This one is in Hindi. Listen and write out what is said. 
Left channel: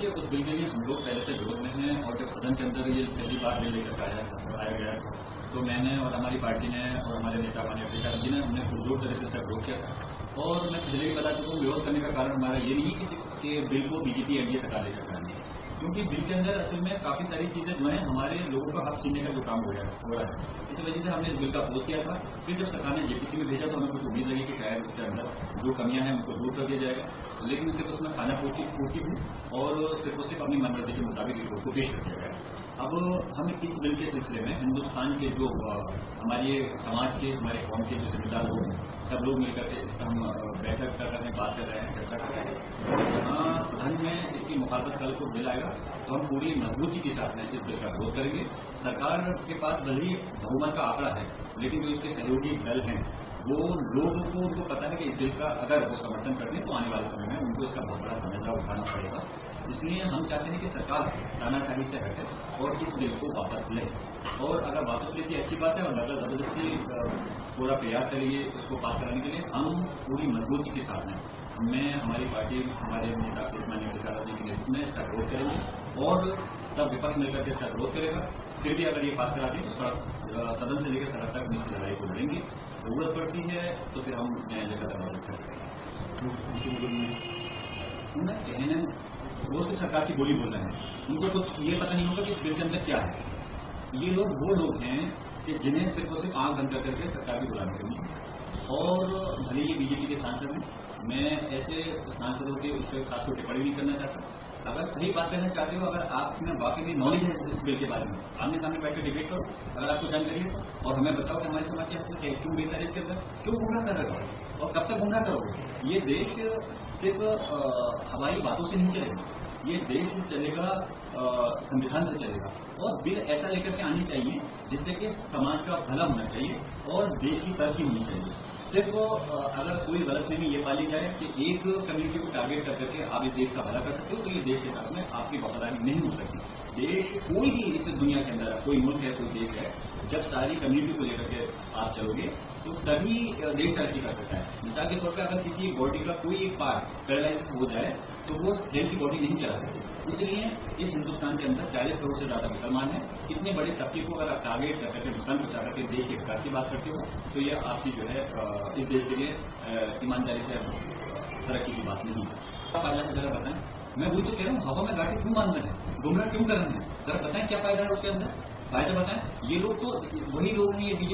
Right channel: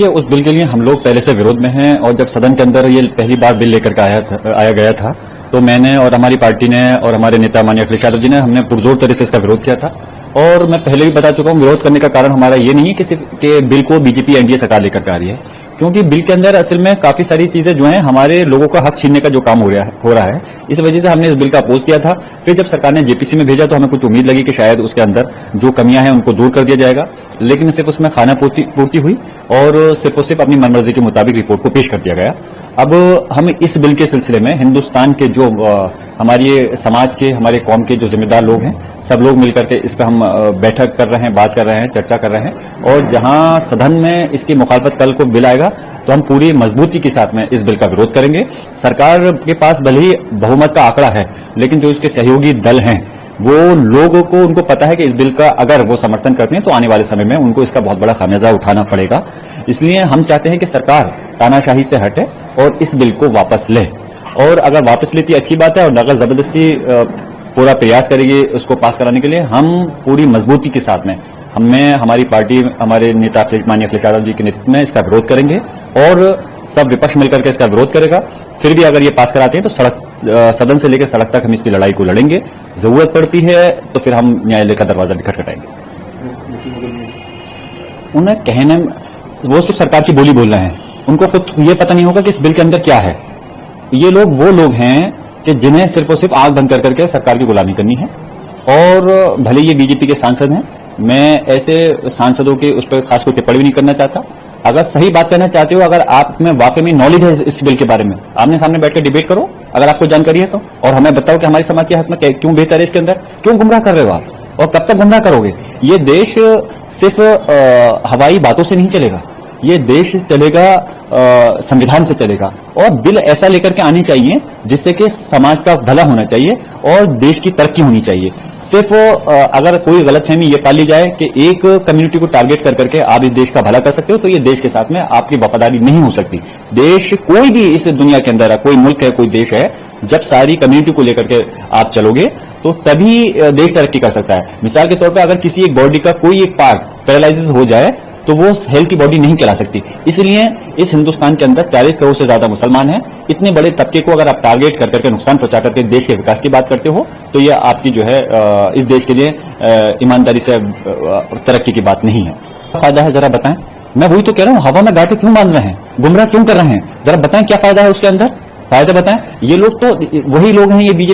कि उस बिल के लिए हम लोग पहले से विरोध में हैं और जब सदन के अंदर ये पहली बार बिल लेकर के आया गया था तो मैंने और हमारी पार्टी ने और हमारे नेता माननीय अखिलेश यादव जी ने हमने पुरजोर तरह से इसका विरोध किया था। और मैं पहले भी बता चुका हूं, विरोध करने का कारण हमारा ये नहीं है कि सिर्फ कि बिल को बीजेपी एनडीए सरकार लेकर के आ रही है, क्योंकि बिल के अंदर असल में काफी सारी चीजें जो हैं हमारे लोगों का हक छीनने का जो काम हो रहा है, इस वजह से हमने इस बिल का अपोज किया था। फिर जब सरकार ने जेपीसी में भेजा तो हमें कुछ उम्मीद लगी कि शायद उसके अंदर जो कमियां हैं उनको दूर कर दिया जाएगा, लेकिन सिर्फ उसमें खाना पूर्ति हुई और सिर्फ अपनी मनमर्जी के मुताबिक रिपोर्ट को पेश कर दिया गया। अब हम इस बिल के सिलसिले में हिंदुस्तान के जो हमारे समाज के, हमारे कौम के जो जिम्मेदार लोग हैं, सब लोग मिलकर के इस पर हम बैठक कर रहे हैं, बात कर रहे हैं, चर्चा कर रहे हैं। और जहां सदन में इसकी मुखालफत कल को बिल आएगा तो हम पूरी मजबूती के साथ में इस बिल का विरोध करेंगे। सरकार के पास भले ही बहुमत का आंकड़ा है, लेकिन जो इसके सहयोगी दल हैं वो लोगों को, उनको पता है कि इस बिल का अगर वो समर्थन करते हैं तो आने वाले समय में उनको इसका बहुत बड़ा खामियाजा उठाना पड़ेगा। इसलिए हम चाहते हैं कि सरकार तानाशाही से हटे और इस बिल को वापस ले। और अगर वापस लेती अच्छी बात है, और अगर जबरदस्ती पूरा प्रयास करेगी उसको पास कराने के लिए, हम पूरी मजबूती के साथ में हमारी पार्टी, हमारे नेता माननीय अखिलेश यादव जी के नेतृत्व में इसका विरोध करेंगे और सब विपक्ष मिलकर के इसका विरोध करेगा। फिर भी अगर ये पास कराते हैं तो सदन से लेकर सड़क तक हम इसकी लड़ाई को लड़ेंगे। जरूरत पड़ती है तो फिर हम न्यायालय का दरवाजा भी खटखटाएंगे। उन्हें कहने, वो सिर्फ सरकार की बोली बोल रहे हैं, उनको खुद ये पता नहीं होगा कि इस बिल के अंदर क्या है। ये लोग वो लोग हैं कि जिन्हें सिर्फ और सिर्फ आंख बंद कर करके सरकार की गुलामी करनी है। और भले ये बीजेपी के सांसद हैं, मैं ऐसे सांसदों के उस पर खास कोई टिप्पणी भी नहीं करना चाहता। अगर सही बात करना चाहते हो, अगर आप में वाकई में नॉलेज है इस बिल के बारे में, आमने सामने बैठकर डिबेट करो अगर आपको जानकारी है तो, और हमें बताओ कि हमारे समाज के हक में क्यों बेहतर है, इसके अंदर क्यों गुमराह कर रहे हो आप और कब तक गुमराह करोगे। ये देश सिर्फ हवाई बातों से नहीं चलेगा, ये देश चलेगा संविधान से चलेगा। और बिल ऐसा लेकर के आनी चाहिए जिससे कि समाज का भला होना चाहिए और देश की तरक्की होनी चाहिए। सिर्फ अगर कोई गलतफहमी ये पाली जाए कि एक कम्युनिटी को टारगेट कर करके आप इस देश का भला कर सकते हो, तो ये देश के साथ में आपकी वफादारी नहीं हो सकती। देश कोई भी इस दुनिया के अंदर है, कोई मुल्क है, कोई देश है, जब सारी कम्युनिटी को लेकर के आप चलोगे तो तभी देश तरक्की कर सकता है। मिसाल के तौर पर अगर किसी एक बॉडी का कोई एक पार्ट पैरालाइसिस हो जाए तो वो हेल्थी बॉडी नहीं कहला सकती। इसलिए इस हिंदुस्तान के अंदर 40 करोड़ से ज्यादा मुसलमान हैं। इतने बड़े तबके को अगर आप टारगेट कर करके नुकसान पहुंचा करके देश के विकास की बात करते हो तो ये आपकी जो है इस देश के लिए ईमानदारी से तरक्की की बात नहीं है। फायदा है जरा बताएं। मैं वही तो कह रहा हूं, हवा में गांठें क्यों बांध रहे हैं, गुमराह क्यों कर रहे हैं, जरा बताएं क्या फायदा है उसके अंदर, फायदा बताएं। ये लोग तो वही लोग हैं, ये बीजेपी